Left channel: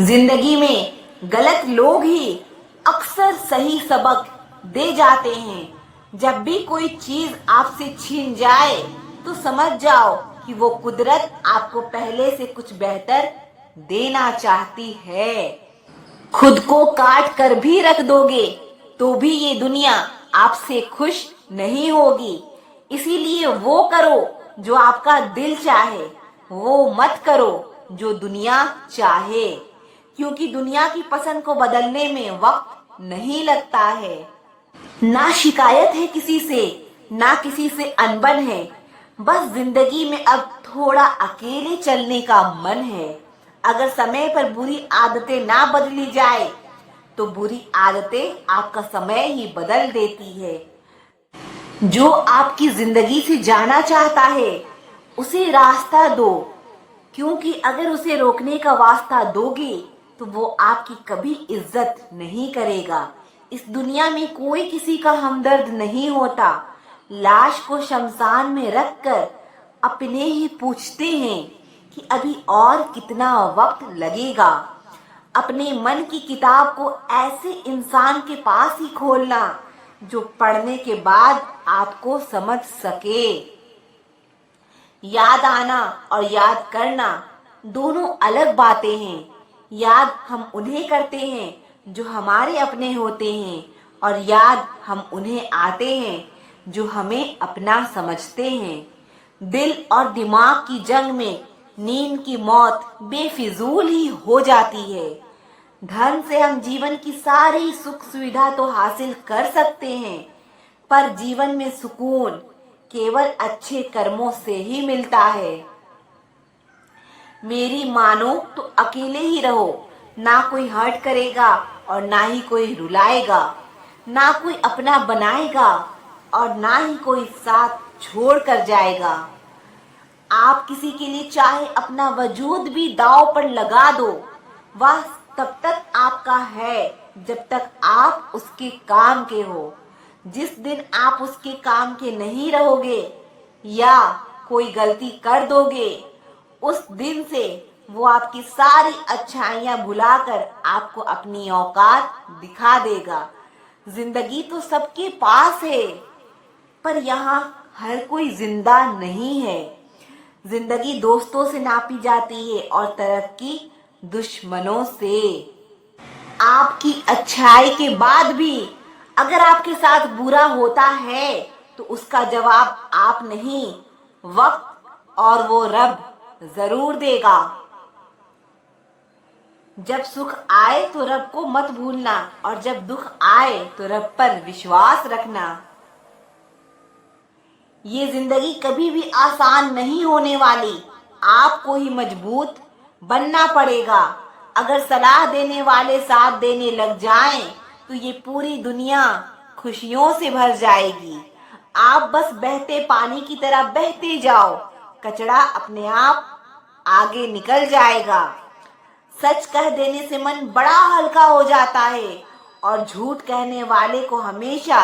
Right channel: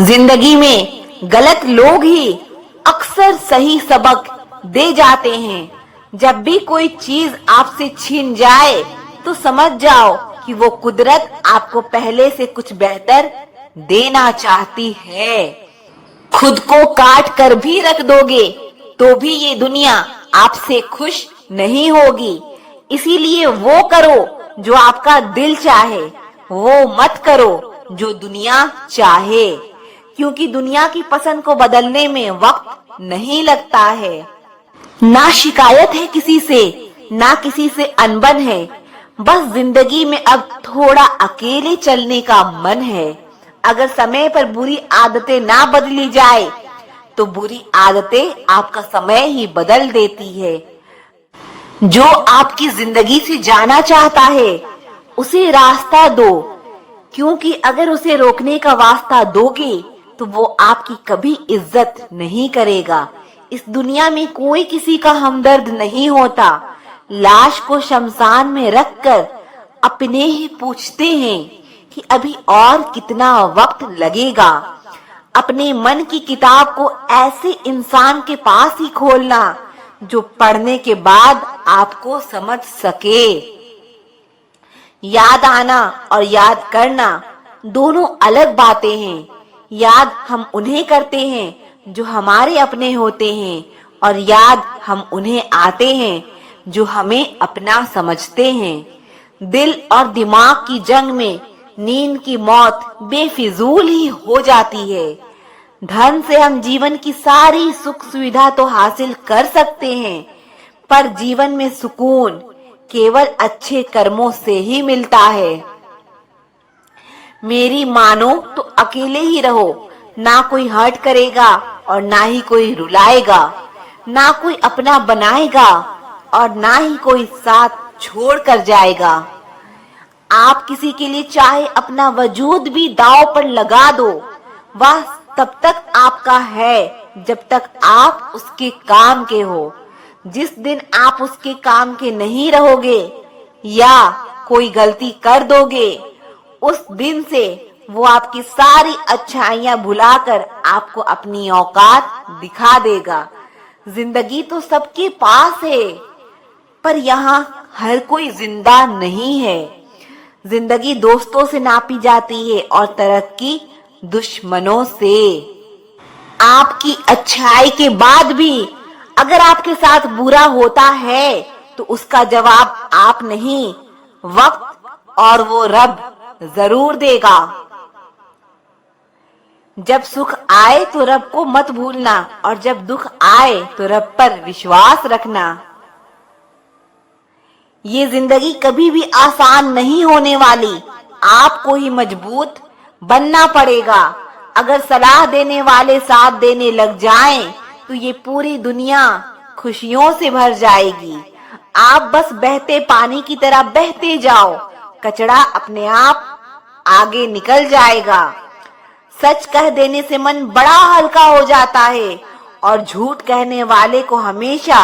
जिंदगी में गलत लोग ही अक्सर सही सबक दे जाते हैं। जब भी कोई चीज आपसे छीन जाए तो समझ जाओ कि वो कुदरत आपको पहले से कुछ बेहतर देना चाहती है। खुद को काट कर भी रख दोगे तो भी ये दुनिया आपसे खुश नहीं होगी। इसीलिए वो करो जो आपका दिल चाहे, वो मत करो जो दुनिया चाहे, क्योंकि दुनिया की पसंद को बदलने में वक्त नहीं लगता है। ना शिकायत है किसी से, ना किसी से अनबन है, बस जिंदगी में अब थोड़ा अकेले चलने का मन है। अगर समय पर बुरी आदतें ना बदली जाए तो बुरी आदतें आपका समय ही बदल देती है। जो आपकी जिंदगी से जाना चाहता है उसे रास्ता दो, क्योंकि अगर उसे रोकने का वास्ता दोगे तो वो आपकी कभी इज्जत नहीं करेगा। इस दुनिया में कोई किसी का हमदर्द नहीं होता। लाश को शमशान में रखकर अपने ही पूछते हैं कि अभी और कितना वक्त लगेगा। अपने मन की किताब को ऐसे इंसान के पास ही खोलना जो पढ़ने के बाद आपको समझ सके। याद आना और याद करना दोनों अलग बातें हैं। याद हम उन्हें करते हैं जो हमारे अपने होते हैं, और याद हम उन्हें आते हैं जो हमें अपना समझते हैं। दिल और दिमाग की जंग में नींद की मौत बेफिजूल ही हो जाती है। धन से हम जीवन की सारी सुख सुविधा तो हासिल कर सकते हैं, पर जीवन में सुकून केवल अच्छे कर्मों से ही मिलता है। मेरी मानो तो अकेले ही रहो, ना कोई हर्ट करेगा और ना ही कोई रुलाएगा, ना कोई अपना बनाएगा और ना ही कोई साथ छोड़ कर जाएगा। आप किसी के लिए चाहे अपना वजूद भी दांव पर लगा दो, वह तब तक आपका है जब तक आप उसके काम के हो। जिस दिन आप उसके काम के नहीं रहोगे या कोई गलती कर दोगे, उस दिन से वो आपकी सारी अच्छाइयां भुलाकर आपको अपनी औकात दिखा देगा। जिंदगी तो सबके पास है, पर यहाँ हर कोई जिंदा नहीं है। जिंदगी दोस्तों से नापी जाती है और तरक्की दुश्मनों से। आपकी अच्छाई के बाद भी अगर आपके साथ बुरा होता है तो उसका जवाब आप नहीं, वक्त और वो रब जरूर देगा। जब सुख आए तो रब को मत भूलना, और जब दुख आए तो रब पर विश्वास रखना। ये जिंदगी कभी भी आसान नहीं होने वाली, आपको ही मजबूत बनना पड़ेगा। अगर सलाह देने वाले साथ देने लग जाएं, तो ये पूरी दुनिया खुशियों से भर जाएगी। आप बस बहते पानी की तरह बहते जाओ, कचरा अपने आप आगे निकल जाएगा। सच कह देने से मन बड़ा हल्का हो जाता है, और झूठ कहने वाले को हमेशा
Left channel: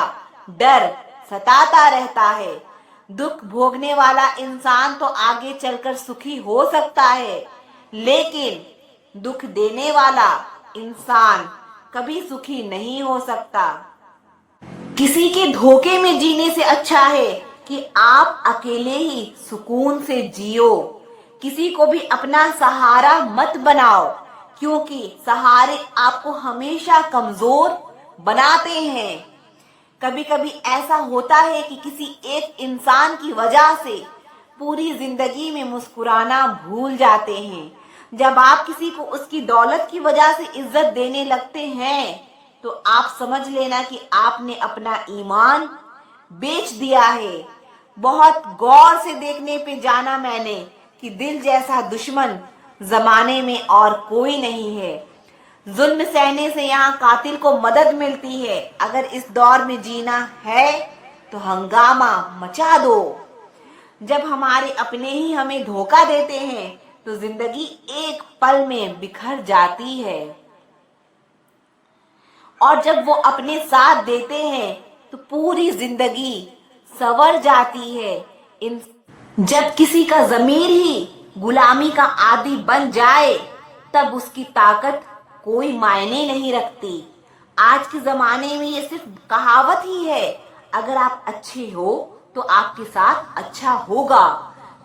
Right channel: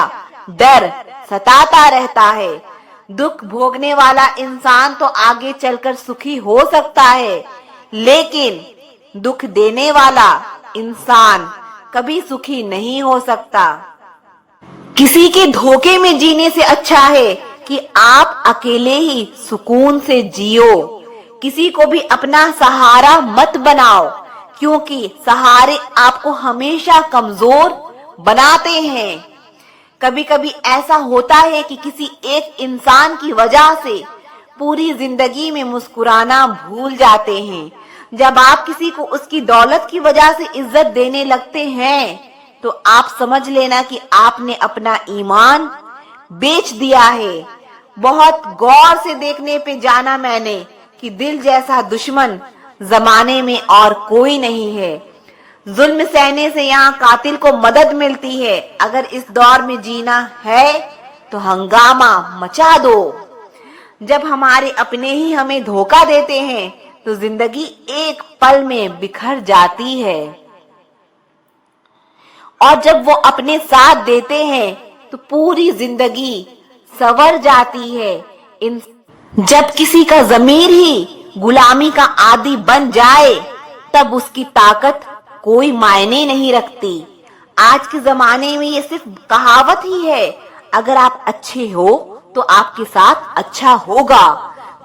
डर सताता रहता है। दुख भोगने वाला इंसान तो आगे चलकर सुखी हो सकता है, लेकिन दुख देने वाला इंसान कभी सुखी नहीं हो सकता। किसी के धोखे में जीने से अच्छा है कि आप अकेले ही सुकून से जियो। किसी को भी अपना सहारा मत बनाओ, क्योंकि सहारे आपको हमेशा कमजोर बनाते हैं। कभी कभी ऐसा होता है कि किसी एक इंसान की वजह से पूरी जिंदगी में मुस्कुराना भूल जाते हैं। जब आप किसी को उसकी दौलत की वजह से इज्जत देने लगते हैं तो आप समझ लेना कि आपने अपना ईमान बेच दिया है। बहुत गौर से देखने पे जाना मैंने कि दिल जैसा दुश्मन जमाने में और कोई नहीं है। जुल्म सहने से यहाँ कातिल को मदद मिलती है। अगर इस दौर में जीना है तो हंगामा मचा दो। जब हमारे अपने ही हमें धोखा देते हैं तो जिंदगी एक पल में बिखर जाती है, और जब वो अपने साथ देते हैं तो पूरी जिंदगी संवर जाती है। जब किसी का ज़मीर ही गुलामी का आदी बन जाए तब उसकी ताकत कोई मायने नहीं रखती। आज के जमाने में ये सिर्फ कहावत ही है, अगर आप अच्छे हो तो आपके साथ अच्छा होगा।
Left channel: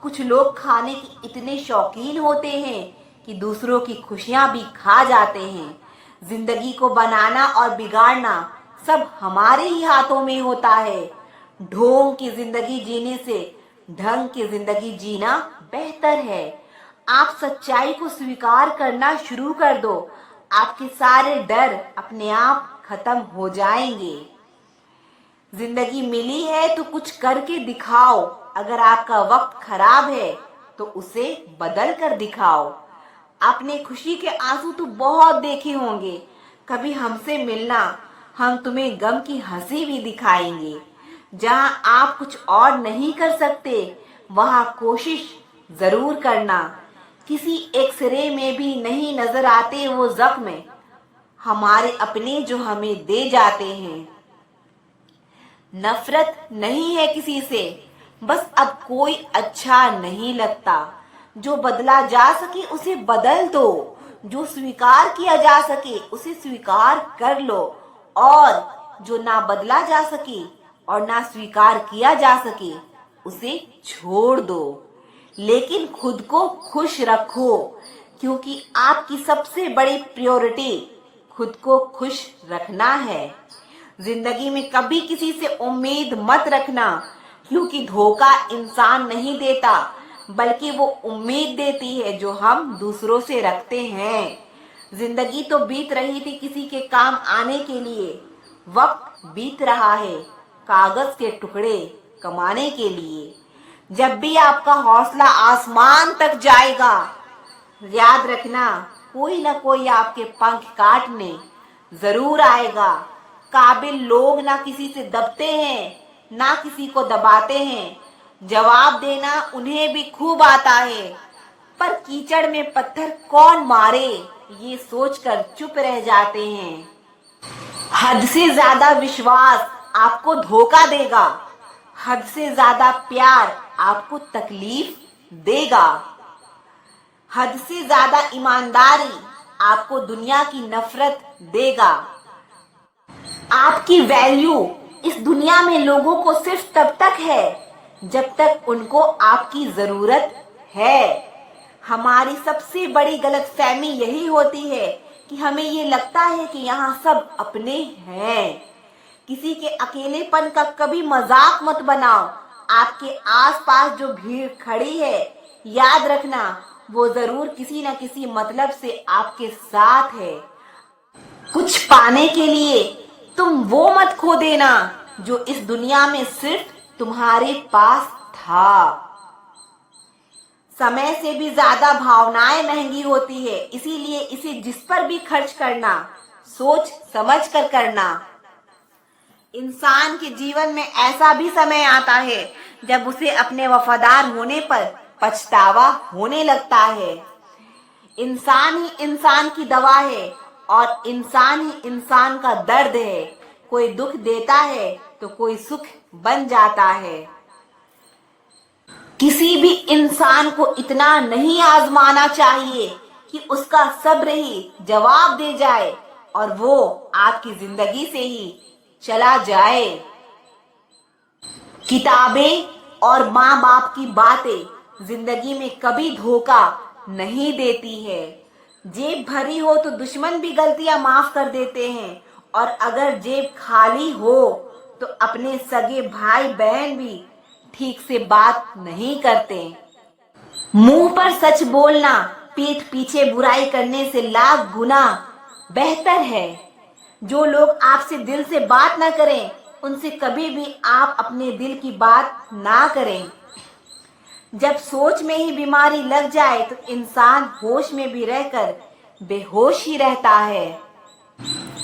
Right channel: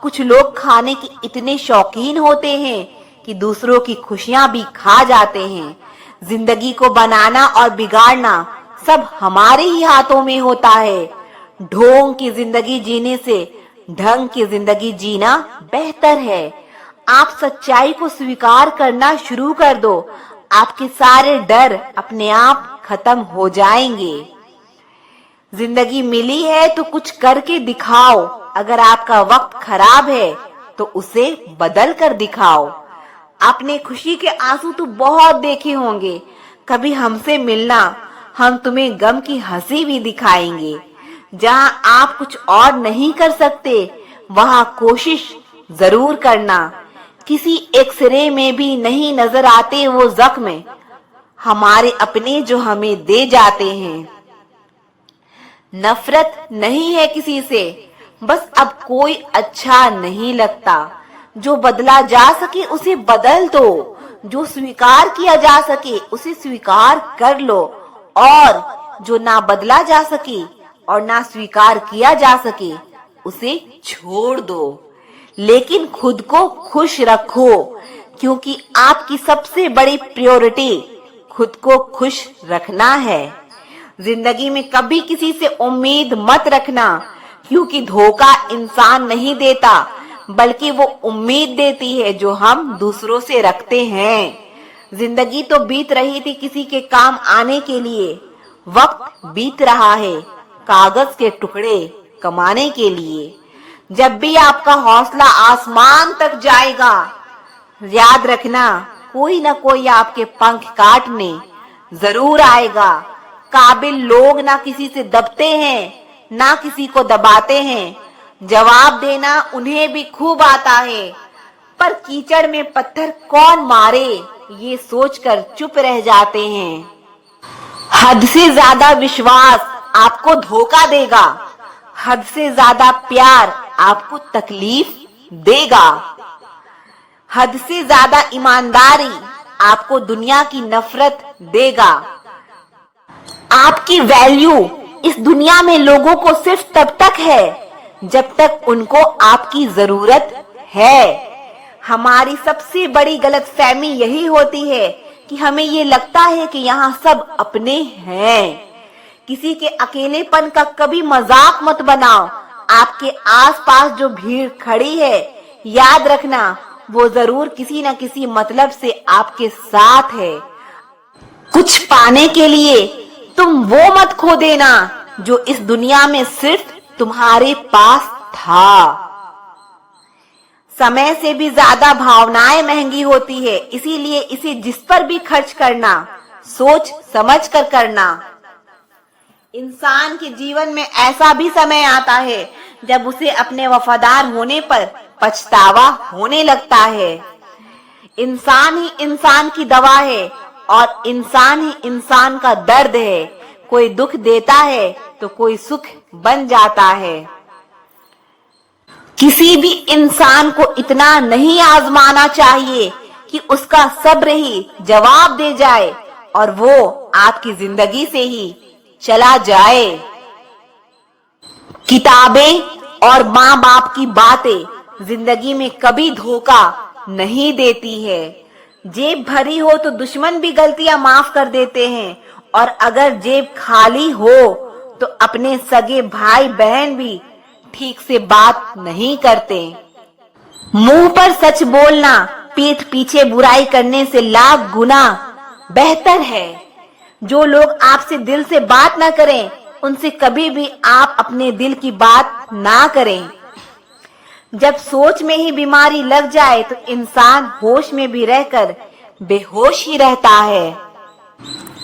कुछ लोग खाने के इतने शौकीन होते हैं कि दूसरों की खुशियां भी खा जाते हैं। जिंदगी को बनाना और बिगाड़ना सब हमारे ही हाथों में होता है। ढोंग की जिंदगी जीने से ढंग की जिंदगी जीना बेहतर है। आप सच्चाई को स्वीकार करना शुरू कर दो, आपके सारे डर अपने आप खत्म हो जाएंगे। जिंदगी मिली है तो कुछ करके दिखाओ। अगर आपका वक्त खराब है तो उसे बदल कर दिखाओ। आपने खुशी के आंसू तो बहुत देखे होंगे, कभी हमसे मिलना, हम तुम्हें गम की हंसी भी दिखाएंगे। जहां आप कुछ और नहीं कर सकते वहां कोशिश जरूर करना। किसी एक्सरे में भी नहीं नजर आते वो जख्म, हमारे अपने जो हमें दे जाते हैं। नफरत नहीं है किसी से, बस अब कोई अच्छा नहीं लगता। जो बदला जा सके उसे बदल दो, जो स्वीकार किया जा सके उसे स्वीकार कर लो, और जो ना बदला जा सके और ना स्वीकार किया जा सके उसे छोड़ दो। लेकिन खुद को खुश रखो, क्योंकि आपकी सबसे बड़ी प्रायोरिटी खुद को खुश रखना है। जिंदगी में कभी किसी से उम्मीद मत रखना, क्योंकि धोखा इंसान नहीं देता, बल्कि वो उम्मीद देती है जो हम दूसरों से रखते हैं। जिंदगी तो बीत रही थी किसी के काम आने के लिए, वक्त बीत रहा है कागज के टुकड़े कमाने के लिए। जब भी आपका हौसला आसमान तक जाएगा, याद रखना कोई ना कोई आपके पंख काटने जरूर आएगा। काबिल लोग ना किसी से दबते हैं, ना किसी को दबाते हैं। जवाब देना उन्हें भी खूब आता है, पर कीचड़ में पत्थर कौन मारे ये सोचकर चुप रह जाते हैं। हद से ज्यादा विश्वास आपको धोखा देगा, हद से ज्यादा प्यार आपको तकलीफ देगा, हद से ज्यादा ईमानदारी आपको दुनिया की नफरत देगा। आपकी वैल्यू इस दुनिया में लोगों को सिर्फ तब तक है जब तक उनको आपकी जरूरत है। हमारी सबसे बड़ी गलतफहमी यही होती है कि हमें ये लगता है कि यहाँ सब अपने हैं। किसी के अकेलेपन का कभी मजाक मत बनाओ। आपके आसपास जो भीड़ खड़ी है, याद रखना वो जरूर किसी न किसी मतलब से आपके साथ है। कुछ पाने के लिए तुम वो मत खो देना जो इस दुनिया में सिर्फ तुम्हारे पास था। समय से भी ज्यादा भावनाएं महंगी होती है, इसीलिए इसे जिस पर भी खर्च करना सोच समझ कर करना। इंसान के जीवन में ऐसा भी समय आता है जब उसे अपने वफादार होने पर पछतावा होने लगता है। इंसान ही इंसान की दवा है और इंसान ही इंसान का दर्द है। कोई दुख देता है तो कोई सुख बन जाता है। किसी भी इंसान को इतना नहीं आजमाना चाहिए कि उसका सब्र ही जवाब दे जाए और वो आपकी जिंदगी से ही चला जाए। किताबें और माँ बाप की बातें जिंदगी में कभी धोखा नहीं देती है। जेब भरी हो तो दुश्मन भी गलतियां माफ कर देते हैं, और अगर जेब खाली हो तो अपने सगे भाई बहन भी ठीक से बात नहीं करते। मुंह पर सच बोलना पीठ पीछे बुराई करने से लाख गुना बेहतर है। जो लोग आपसे दिल से बात ना करें, उनसे कभी भी आप अपने दिल की बात ना करें। जब सोच में ही बीमारी लग जाए तो इंसान होश में भी रहकर बेहोश ही रहता है।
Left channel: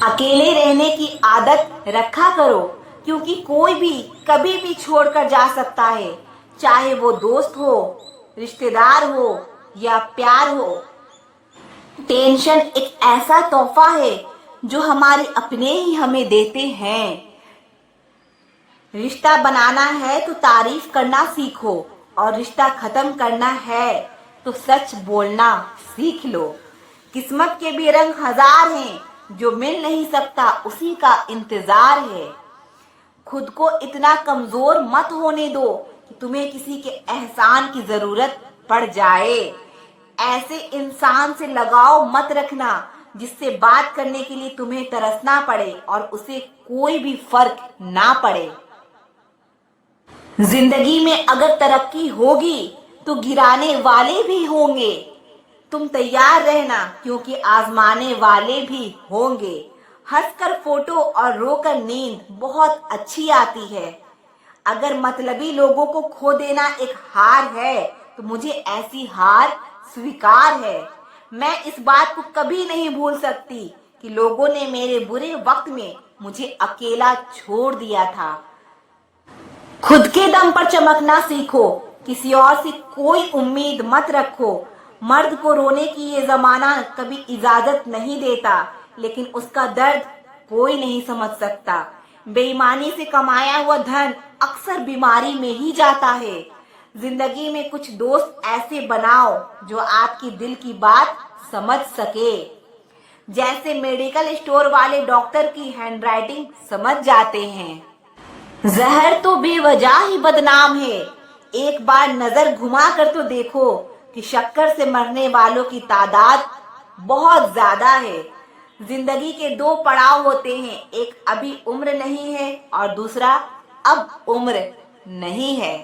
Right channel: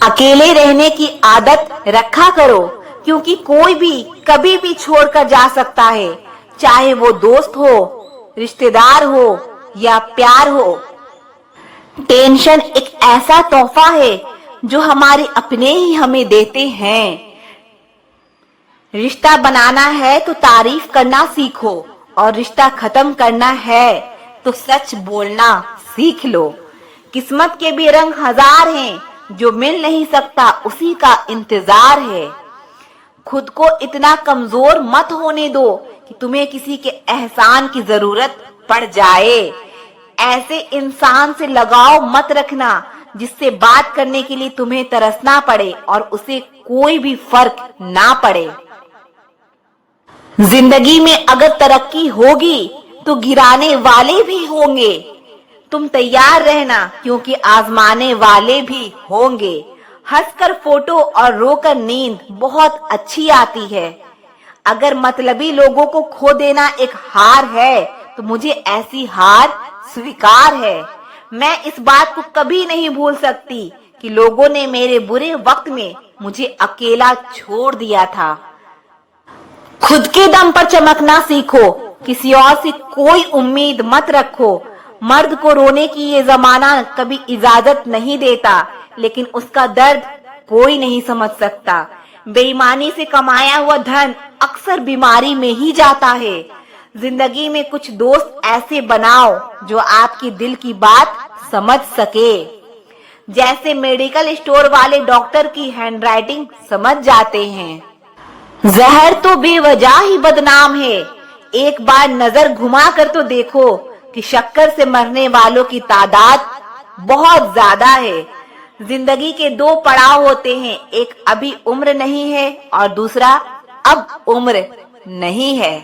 अकेले रहने की आदत रखा करो, क्योंकि कोई भी कभी भी छोड़कर जा सकता है, चाहे वो दोस्त हो, रिश्तेदार हो या प्यार हो। टेंशन एक ऐसा तोहफा है जो हमारे अपने ही हमें देते हैं। रिश्ता बनाना है तो तारीफ करना सीखो, और रिश्ता खत्म करना है तो सच बोलना सीख लो। किस्मत के भी रंग हजार हैं, जो मिल नहीं सकता उसी का इंतजार है। खुद को इतना कमजोर मत होने दो कि तुम्हें किसी के एहसान की जरूरत पड़ जाए। ऐसे इंसान से लगाव मत रखना जिससे बात करने के लिए तुम्हें तरसना पड़े और उसे कोई भी फर्क ना पड़े। जिंदगी में अगर तरक्की होगी तो गिराने वाले भी होंगे। तुम तैयार रहना क्योंकि आजमाने वाले भी होंगे। हंसकर फोटो और रोकर नींद बहुत अच्छी आती है। अगर मतलबी लोगों को खो देना एक हार है तो मुझे ऐसी हार स्वीकार है। मैं इस बात को कभी नहीं भूल सकती कि लोगों ने मेरे बुरे वक्त में मुझे अकेला छोड़ दिया था। खुद के दम पर चमकना सीखो, किसी और से कोई उम्मीद मत रखो। मर्द को रोने की ये जमाना कभी इजाजत नहीं देता, लेकिन उसका दर्द कोई नहीं समझ सकता। बेईमानी से कमाया हुआ धन अक्सर बीमारी में ही जाता है। जिंदगी में कुछ दोस्त ऐसे बनाओ जो आपकी दिल की बात समझ सके। जैसे मेडिकल स्टोर वाले डॉक्टर की हैंडराइटिंग समझ जाते हैं। जहर तो बेवजह ही बदनाम है। एक बार नजर घुमा कर तो देखो कि शक्कर से मरने वालों की तादाद बहुत ज्यादा है। जिंदगी के दो पड़ाव होते हैं, एक अभी उम्र नहीं है और दूसरा अब उम्र नहीं है।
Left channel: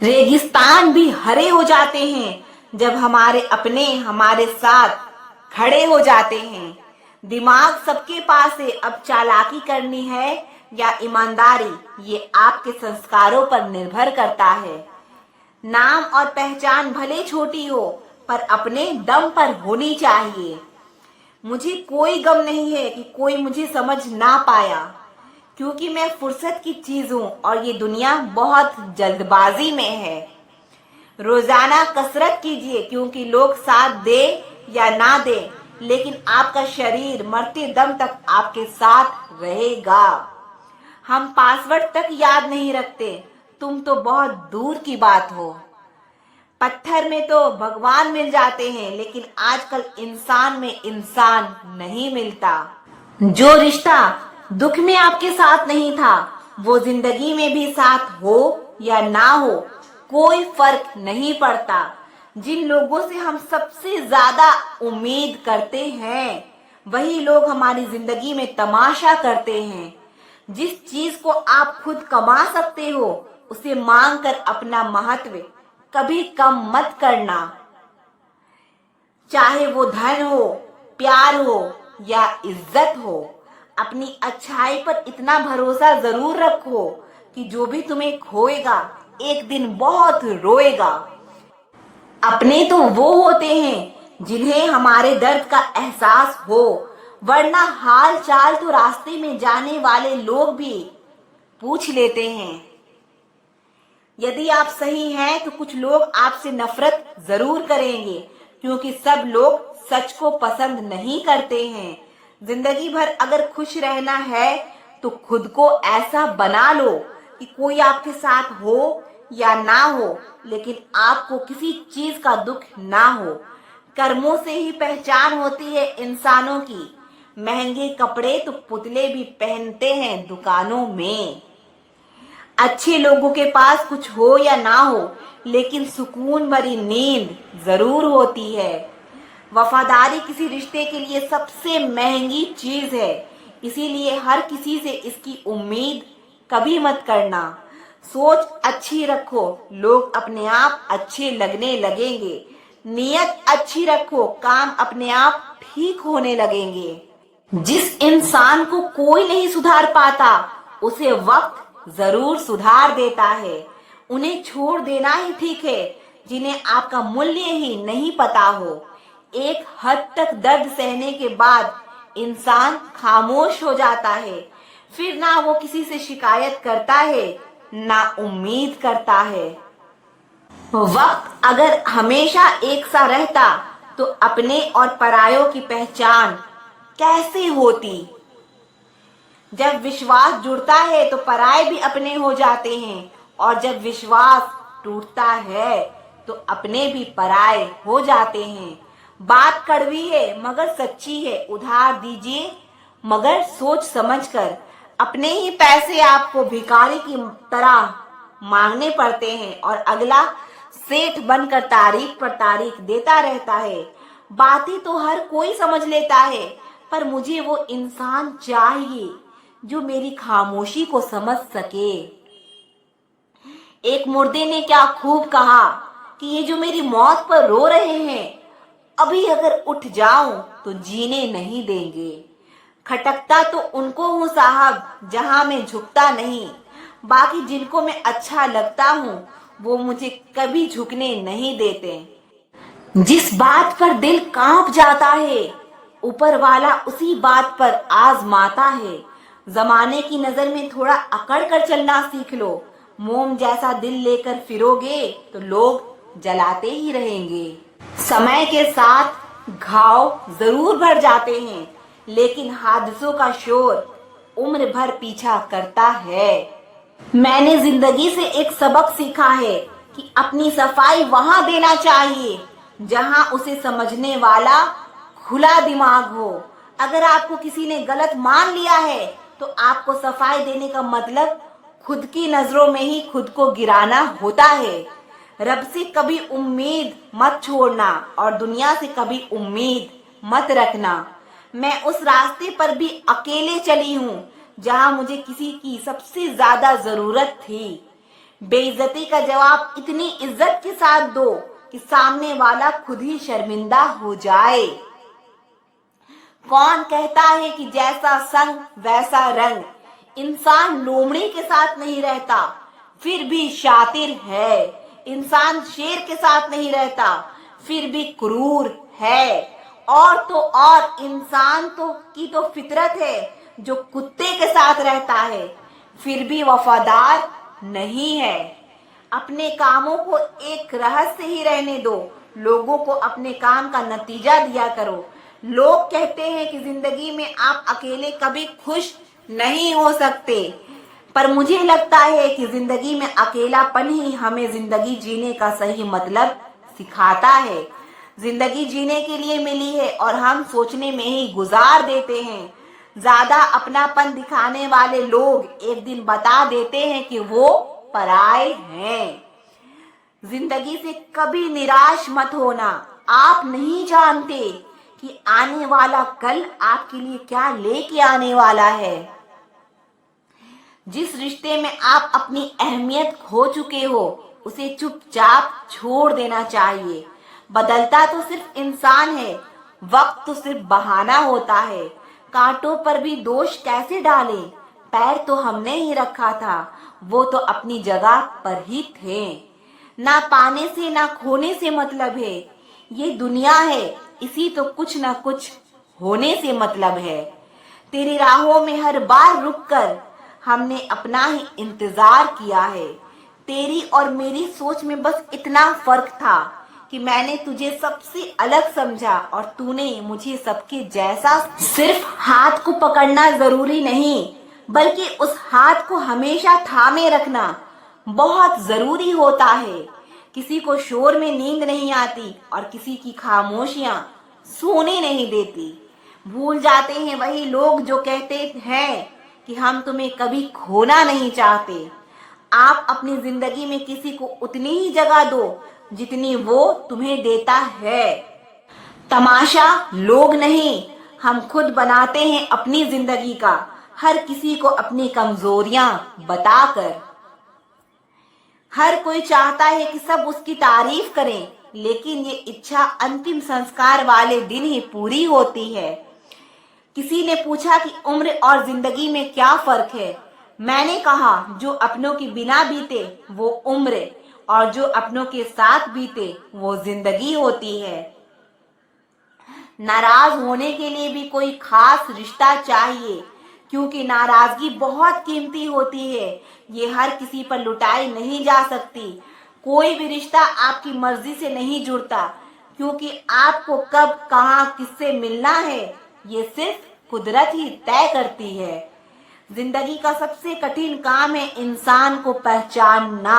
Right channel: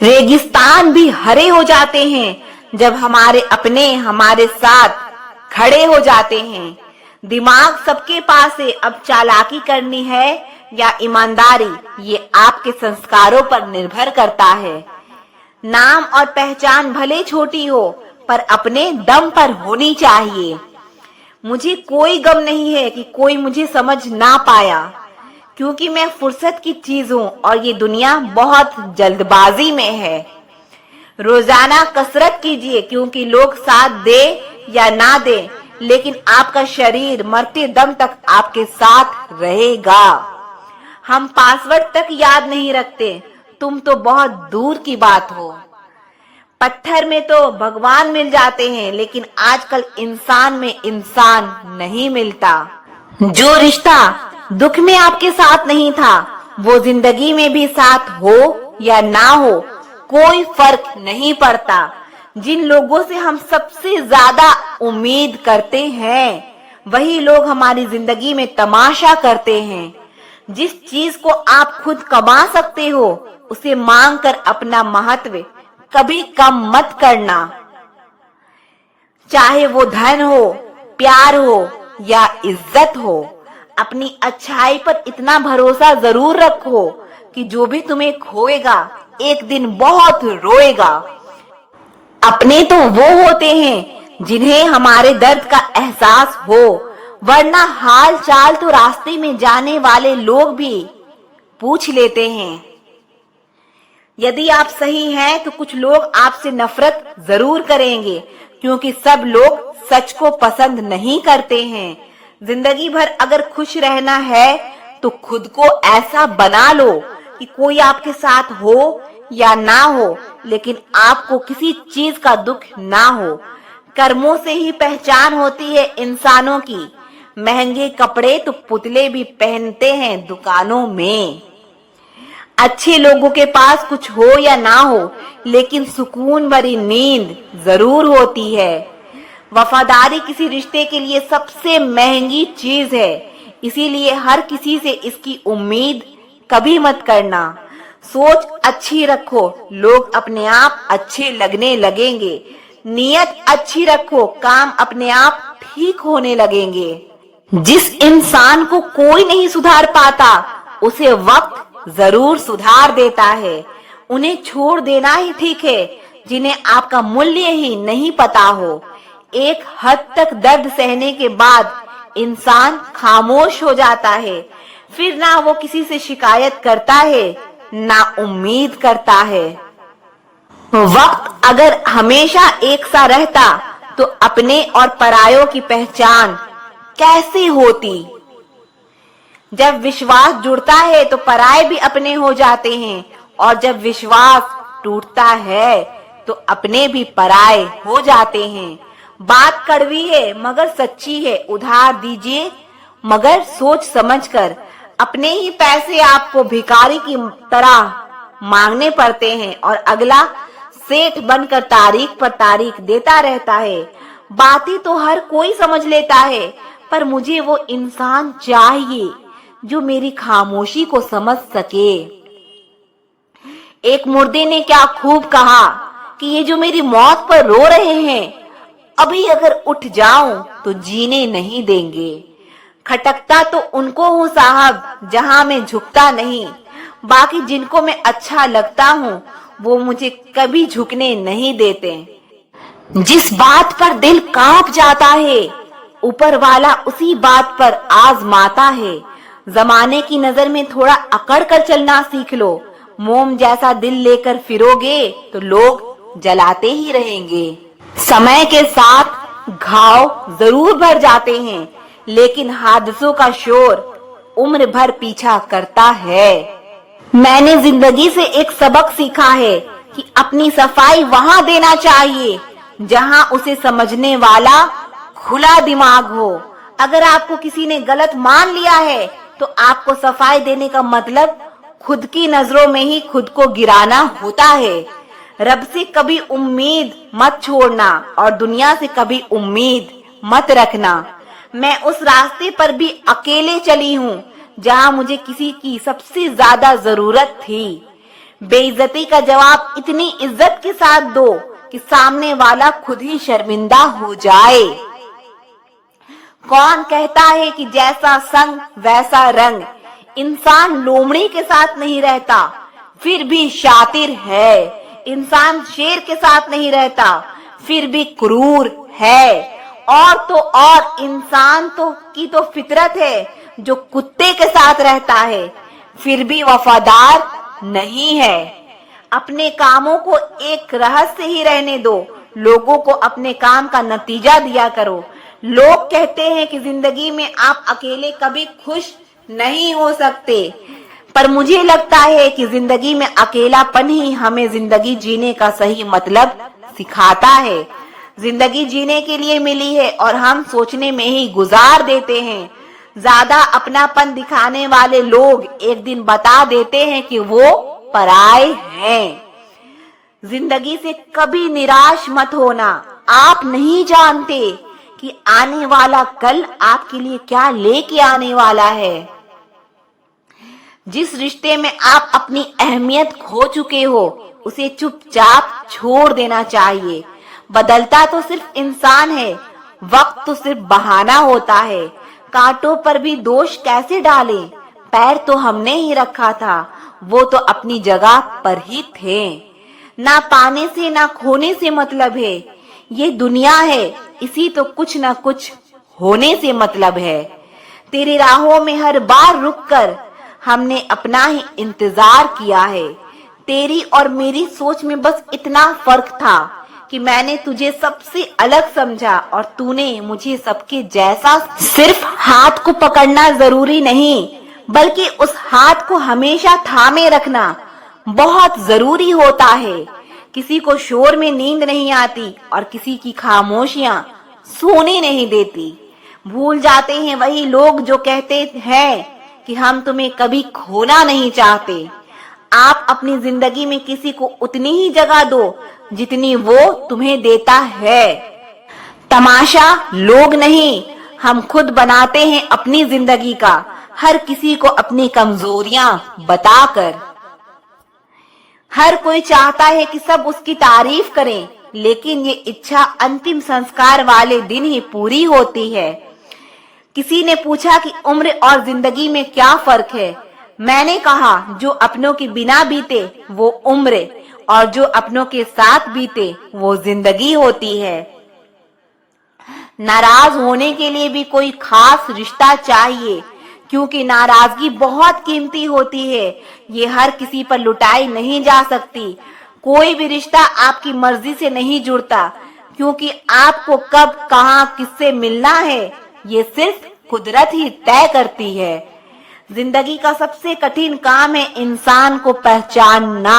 रेगिस्तान भी हरे हो जाते हैं जब हमारे अपने हमारे साथ खड़े हो जाते हैं। दिमाग सबके पास है, अब चालाकी करनी है या ईमानदारी, ये आपके संस्कारों पर निर्भर करता है। नाम और पहचान भले छोटी हो पर अपने दम पर होनी चाहिए। मुझे कोई गम नहीं है कि कोई मुझे समझ ना पाया, क्योंकि मैं फुर्सत की चीज हूँ और ये दुनिया बहुत जल्दबाजी में है। रोजाना कसरत कीजिए, क्योंकि लोग साथ दे या ना दे, लेकिन आपका शरीर मरते दम तक आपके साथ रहेगा। हम पासवर्ड तक याद नहीं रखते, तुम तो बहुत दूर की बात हो। पत्थर में तो भगवान मिल जाते हैं, लेकिन आजकल इंसान में इंसान नहीं मिलता। जो रिश्ता दुख में आपके साथ नहीं था, वो जिंदगी में भी साथ हो या ना हो कोई फर्क नहीं पड़ता। जिन लोगों से हम सबसे ज्यादा उम्मीद करते हैं, वही लोग हमारी जिंदगी में तमाशा करते हैं। जिस चीज को आप खुद कमा सकते हो, उसे मांग कर अपना महत्व कभी कम मत करना। चाहे वो धन हो, प्यार हो या इज्जत हो, अपनी अच्छाई पर इतना भरोसा जरूर रखो कि जो भी तुम्हें खोएगा एक दिन बहुत रोएगा। अपने तो वो होते हैं जिन्हें हमारे दर्द का एहसास हो, वरना हाल चाल तो रास्ते में जाने वाले लोग भी पूछ लेते हैं। यदि आप सही हैं तो कुछ लोग आपसे नफरत जरूर करेंगे, क्योंकि सब लोग सच को पसंद नहीं करते हैं। जिंदगी भर अगर खुश रहना है तो खुद को ऐसा बना लो कि कोई आपके साथ हो या ना हो, लेकिन आपको किसी चीज का दुख ना हो। कर्मों से ही पहचान होती है इंसानों की। महंगे कपड़े तो पुतले भी पहनते हैं दुकानों में। अच्छे लोगों के पास कुछ हो या ना हो, लेकिन सुकून भरी नींद जरूर होती है। वफादारी किसी रिश्ते के लिए सबसे महंगी चीज है, इसीलिए हर किसी से इसकी उम्मीद कभी मत करना। सोच अच्छी रखो, लोग अपने आप अच्छे लगने लगेंगे। नियत अच्छी रखो, काम अपने आप ठीक होने लगेंगे। जिस इंसान को कोई नहीं सुधार पाता, उसे वक्त जरूर सुधार देता है। उन्हें छोड़ देना ही ठीक है जिन्हें आपका मूल्य ही नहीं पता हो। एक हद तक दर्द सहने के बाद इंसान खामोश हो जाता है, फिर ना वो किसी से शिकायत करता है ना उम्मीद करता है। वक्त अगर हमेशा एक सा रहता तो अपने और परायों की पहचान कैसे होती। जब विश्वास जुड़ता है तो पराये भी अपने हो जाते हैं, और जब विश्वास टूटता है तो अपने भी पराये हो जाते हैं। बात कड़वी है मगर सच्ची है, उधार दीजिए मगर सोच समझकर। अपने ही पैसे आपको भिखारी की तरह मांगने पड़ते हैं और अगला सेठ बनकर तारीख पर तारीख देता रहता है। बातें तो हर कोई समझ लेता है, पर मुझे वो इंसान चाहिए जो मेरी खामोशी को समझ सके। एक मुर्दे ने क्या खूब कहा कि ये जो मेरी मौत पर रो रहे हैं, अभी अगर उठ जाऊं तो जीने नहीं देंगे। खटकता तो उनको हूँ साहब जहां मैं झुकता नहीं, बाकी जिनको मैं अच्छा लगता हूँ वो मुझे कभी झुकने नहीं देते। जिस बात पर दिल कांप जाता है ऊपर वाला उसी बात पर आजमाता है। जमाने की नजर में थोड़ा अकड़ कर चलना सीख लो, मोम जैसा दिल लेकर फिरोगे तो लोग जलाते ही रहेंगे। समय के साथ घाव जरूर भर जाते हैं, लेकिन हादसों का शोर उम्र भर पीछा करता है। मैंने जिंदगी से एक सबक सीखा है कि अपनी सफाई वहां देना चाहिए जहां उसे समझने वाला खुला दिमाग हो। अगर आपको किसी ने गलत मान लिया है तो आपको सफाई देने का मतलब खुद की नजरों में ही खुद को गिराना होता है। रब से कभी उम्मीद मत छोड़ना और दुनिया से कभी उम्मीद मत रखना। मैं उस रास्ते पर भी अकेले चली हूँ जहाँ मुझे किसी की सबसे ज्यादा जरूरत थी। बेइज्जती का जवाब इतनी इज्जत के साथ दो कि सामने वाला खुद ही शर्मिंदा हो जाए। कौन कहता है कि जैसा संग वैसा रंग? इंसान लोमड़ी के साथ नहीं रहता फिर भी शातिर है। इंसान शेर के साथ नहीं रहता फिर भी क्रूर है। और तो और इंसान की तो फितरत है जो कुत्ते के साथ रहता है फिर भी वफादार नहीं है। अपने कामों को एक रहस्य ही रहने दो, लोगों को अपने काम का नतीजा दिया करो। लोग कहते हैं कि जिंदगी में आप अकेले कभी खुश नहीं हो सकते, पर मुझे लगता है कि जिंदगी में अकेलापन ही हमें जिंदगी जीने का सही मतलब सिखाता है। जिंदगी जीने के लिए मिली है और हम सोचने में ही गुजार देते हैं। ज्यादा अपनापन दिखाने वाले लोग एक दिन बता देते हैं कि वो पराए हैं। जिंदगी से कभी निराश मत होना। आप नहीं जानते कि आने वाला कल आपके लिए क्या लेके आने वाला है। जिस रिश्ते में आप अपनी अहमियत खो चुके हो उसे चुपचाप छोड़ देना चाहिए। बदलता तो सिर्फ इंसान है, वक्त तो सिर्फ बहाना होता है। कांटों पर भी दोष कैसे डालें? पैर तो हमने ही रखा था, वो तो अपनी जगह पर ही थे। ना पाने से ना खोने से मतलब है, ये दुनिया है इसी तो कुछ ना कुछ होने से मतलब है। तेरी राहों में हर बार रुककर हमने अपना ही इंतजार किया है। तेरी और मेरी सोच में बस इतना फर्क था कि मैंने तुझे सबसे अलग समझा और तूने मुझे सबके जैसा। सिर्फ हाथ को पकड़ना जरूरी नहीं, बल्कि उस हाथ को हमेशा थामे रखना बहुत जरूरी होता है। किसी को शोर में नींद नहीं आती और किसी की खामोशियां सोने नहीं देती। भूल जाते हैं वही लोग जो कहते हैं कि हम तुम्हें कभी खोना नहीं चाहते। आप अपनी जिंदगी में किसी को उतनी ही जगह दो जितनी वो तुम्हें देता है। तमाशा लोग नहीं, हम खुद बनाते हैं अपनी जिंदगी का, हर किसी को अपनी कमजोरियां बताकर। हर कोई चाहता है कि सब उसकी तारीफ करें, लेकिन ये इच्छा अंतिम संस्कार वाले दिन ही पूरी होती है। किसी ने पूछा कि उम्र और जिंदगी में क्या फर्क है? मैंने कहा जो अपनों के बिना बीते वो उम्र और जो अपनों के साथ बीते वो जिंदगी होती है। नाराज होने के लिए भी कोई खास रिश्ता चाहिए, क्योंकि नाराजगी बहुत कीमती होती है। ये हर किसी पर लुटाई नहीं जा सकती। कोई भी रिश्ता आपकी मर्जी से नहीं जुड़ता, क्योंकि आपको कब कहां किससे मिलना है ये सिर्फ कुदरत ही तय करती है। जिंदगी का सबसे कठिन काम है इंसान को पहचानना।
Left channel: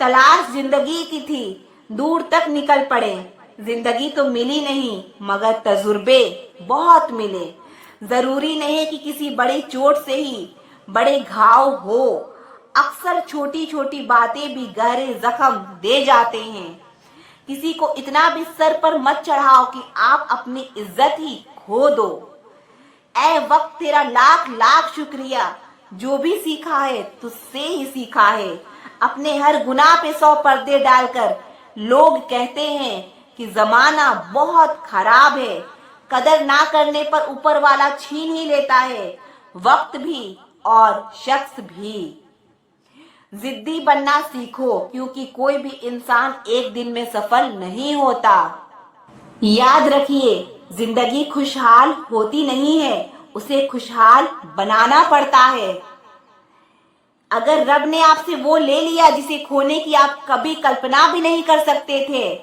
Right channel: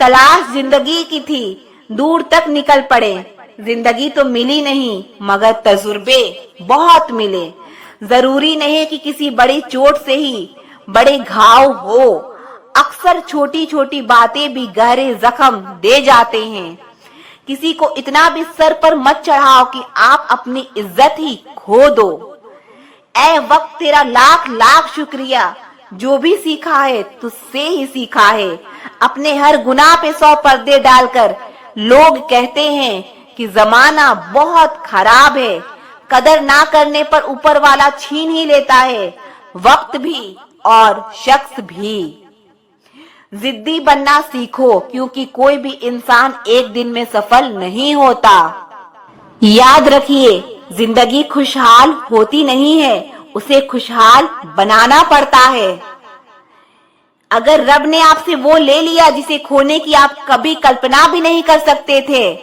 तलाश जिंदगी की थी, दूर तक निकल पड़े, जिंदगी तो मिली नहीं मगर तजुर्बे बहुत मिले। जरूरी नहीं कि किसी बड़ी चोट से ही बड़े घाव हो, अक्सर छोटी छोटी बातें भी गहरे जख्म दे जाते हैं। किसी को इतना भी सर पर मत चढ़ाओ कि आप अपनी इज्जत ही खो दो। ऐ वक्त तेरा लाख लाख शुक्रिया, जो भी सीखा है तुझसे ही सीखा है। अपने हर गुनाह पे 100 पर्दे डालकर लोग कहते हैं कि जमाना बहुत खराब है। कदर ना करने पर ऊपर वाला छीन ही लेता है, वक्त भी और शख्स भी। जिद्दी बनना सीखो, क्योंकि कोई भी इंसान एक दिन में सफल नहीं होता। याद रखिए, जिंदगी खुशहाल होती नहीं है, उसे खुशहाल बनाना पड़ता है। अगर रब ने आपसे वो ले लिया जिसे खोने की आप कभी कल्पना भी नहीं कर सकते थे,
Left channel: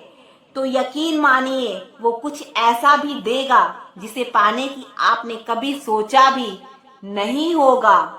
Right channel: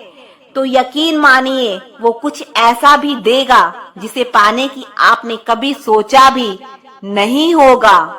तो यकीन मानिए वो कुछ ऐसा भी देगा जिसे पाने की आपने कभी सोचा भी नहीं होगा।